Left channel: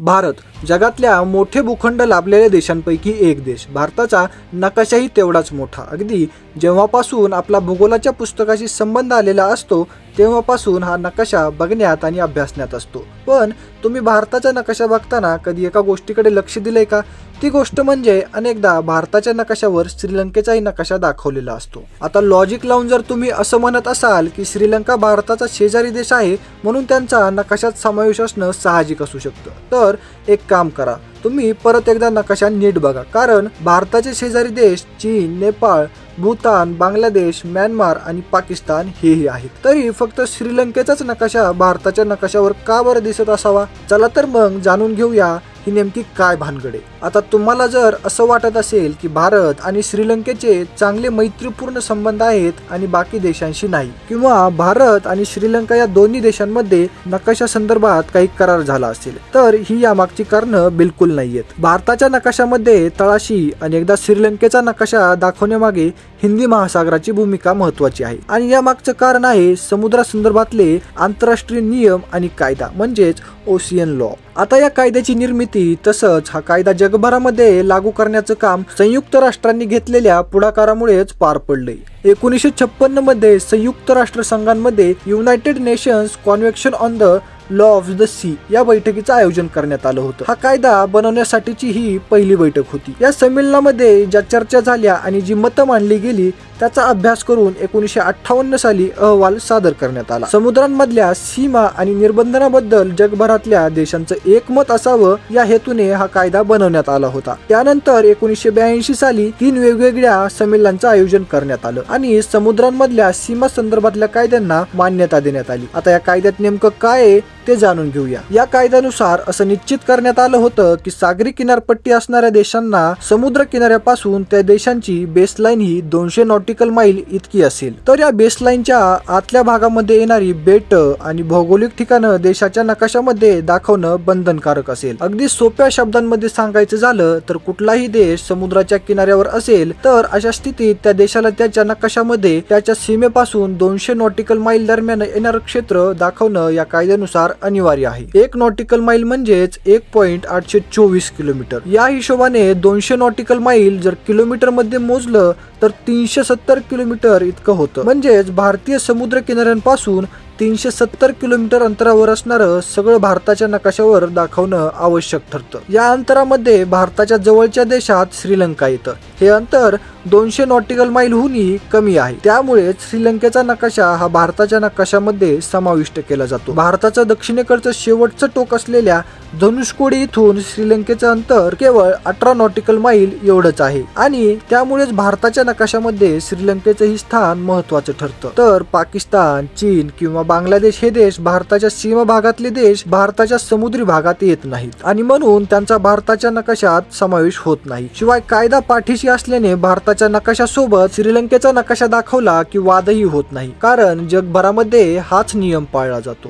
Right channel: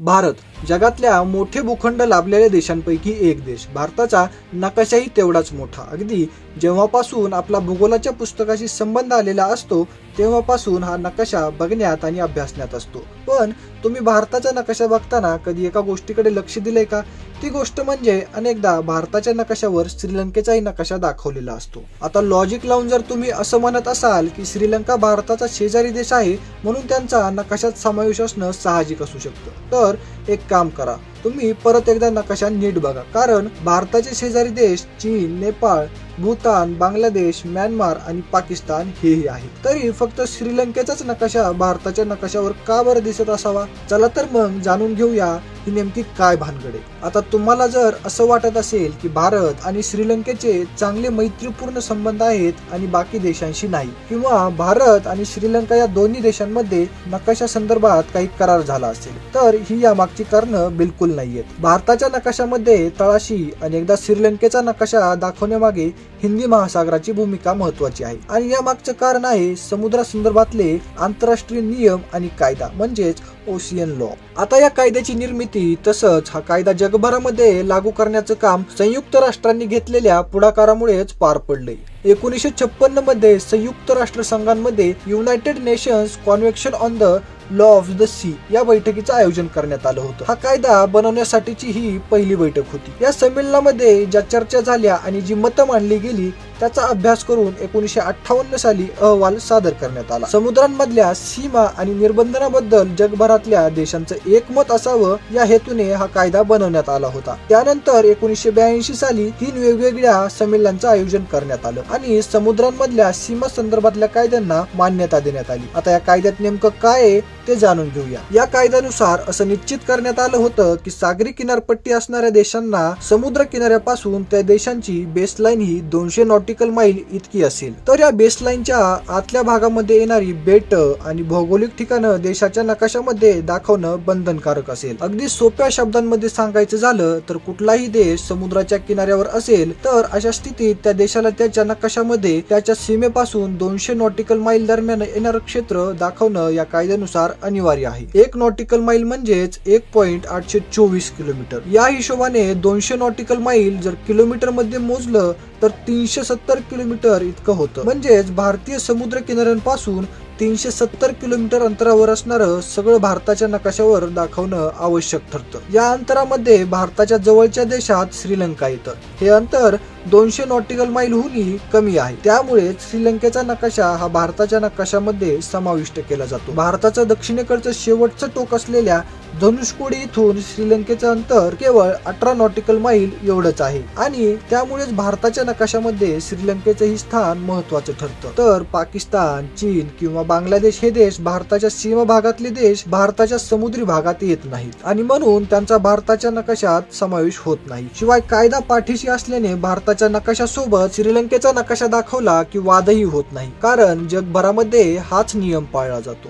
भारत जगातल्या मोठे भूखंड लाभलेल्या देशांपैकी एक देश। भारताचा नकाशाही तेवढाच मोठा। अगदी जेव्हापासून आपला भूगोलाच्या पुस्तकाशी संबंध आलेला असतो तेव्हापासून हा नकाशा बघण्यात आणि अभ्यासण्यात असतो। पण तुम्ही भारताचा नकाशा बघताना कधी एका गोष्टीकडे लक्ष दिले का? ती गोष्ट म्हणजे अनेकदा भारताच्या नकाशावर श्रीलंकेचाही नकाशा दाखवलेला असतो। आता लॉजिक लावून जर तुम्ही असं म्हणत असाल की श्रीलंका भारताचा शेजारी देश आहे म्हणून त्यांचा नकाशात समावेश असणं साहजिक असू शकतं, तर एक काम करा, तुम्ही परत एकदा नकाशा नीट बघा। कारण भारताचे शेजारी देश चीन, नेपाळ, भूतान, बांगलादेश, म्यानमार आणि पाकिस्तान हेही आहेत। तरी फक्त श्रीलंकेचाच नकाशा भारताच्या नकाशावर का बरं दिसत असावा? चला तर मग जाणून घेऊया ही नेमकी काय भानगड आहे। आता तुम्हाला जर असं वाटत असेल की भारत आणि श्रीलंकेचे चांगले मैत्रीपूर्ण संबंध आहेत आणि बाकी देशांशी नाही, किंवा भारत आणि श्रीलंका या दोन्ही देशांमध्ये नकाशा संदर्भात काही करार झाला असेल, तर ही यामागची कारणं बिलकुल नाहीयेत। भारताच्या नकाशामध्ये तळाशी अनेकदा श्रीलंकेचा नकाशा दाखवण्यामागे हिंदी महासागराची भूमिका महत्वाची आहे आणि यामागचं कारण आहे समुद्रासंदर्भातले आंतरराष्ट्रीय नियम आणि कायदा, म्हणजेच ओशियन लॉ। आता या कायद्याची निर्मिती तसंच हा कायदा जगभरामध्ये लागू करण्याचं काम संयुक्त राष्ट्रांनी घेतलेल्या पुढाकारामुळेच पार पडले। 1956 मध्ये संयुक्त राष्ट्र संघामध्ये United Nations Convention on the Law of the Sea या बैठकीचं आयोजन करण्यात आलं होतं। हा कायदा बनवण्यासाठीची ही पहिली बैठक होती। या संमेलनामध्ये ज्या चर्चा झाल्या आणि जी मतं मांडली गेली त्याचा अभ्यास करून 1958 साली अहवाल सादर करण्यात आला। समुद्रांमधल्या सीमा आणि निर्बंधांबद्दल जगभरातल्या देशांचं एकमत असावं या हेतूने हा कायदा बनवण्यात आला होता। त्यानंतर 1982 साली 3 वेगवेगळ्या संमेलनांचं आयोजन करण्यात आलं आणि समुद्रांमधल्या सीमा संदर्भातल्या कायद्यांना मान्यता देण्यात आली। आता या कायद्यात नेमकं काय आहे ते जाणून घेऊया। या कायद्यानुसार असं निश्चित करण्यात आलं होतं की सागरी किनारपट्टी असणाऱ्या देशांना समुद्र किनाऱ्यापासून त्या देशांची बेसलाईन ही 200 नॉटिकल माईल इतकी असेल, तर या बेसलाईनच्या आतल्या भागामध्ये येणारी बेट आणि भौगोलिक ठिकाणं देशाच्या नकाशामध्ये दाखवणं बंधनकारक असेल। अगदी सोप्या शब्दांमध्ये सांगायचं झालं तर कुठलाही देश समुद्राच्या किनाऱ्यावर असेल तर अशा स्थितीत त्या देशाला त्याच्या नकाशामध्ये त्याच्या सीमेपासून 200 नॉटिकल माईल दरम्यान येणारं क्षेत्र दाखवणं या कायद्यानुसार अनिवार्य आहे। 1 नॉटिकल माईल म्हणजेच 1.824 किलोमीटर। या हिशोबाने 200 नॉटिकल माईल जर किलोमीटर मध्ये मोजलं तर 370 किलोमीटर इतकं होतं। म्हणजेच भारतीय समुद्र किनाऱ्यांपासून 370 किलोमीटर अंतरावर असणारं सगळं भारताच्या नकाशावर दाखवणं आवश्यक ठरतं। या अंतरामध्ये भारताच्या जवळच्या देशात श्रीलंका येतं। हे अंतर 200 नॉटिकल माईलहूनही कमी आहे, त्यामुळे श्रीलंकेचा नकाशा हा भारताच्या नकाशामध्ये समाविष्ट केला जातो। भारताचं दक्षिणेकडचं शेवटचं टोक असलेल्या धनुष्कोडी इथून श्रीलंकेचं अंतर केवळ 18 नॉटिकल माईल एवढंच आहे आणि त्यामुळेच भारताच्या नकाशामध्ये श्रीलंकेचं ही स्थान महत्वाचं ठरतं। तर पाकिस्तान, चीन किंवा बांगलादेश हे देश भारताच्या सीमा भागातले देश भारताच्या समुद्री भागात येत नाहीत आणि म्हणून त्यांचा भारताच्या नकाशात समावेश होत नाही। शिवाय कायदा पाठीशी असल्याने भारताच्या नकाशासोबत श्रीलंकेचा नकाशा दाखवला की वादही होत नाही, कारण जगभरामध्ये हाच नियम पाळला जातो।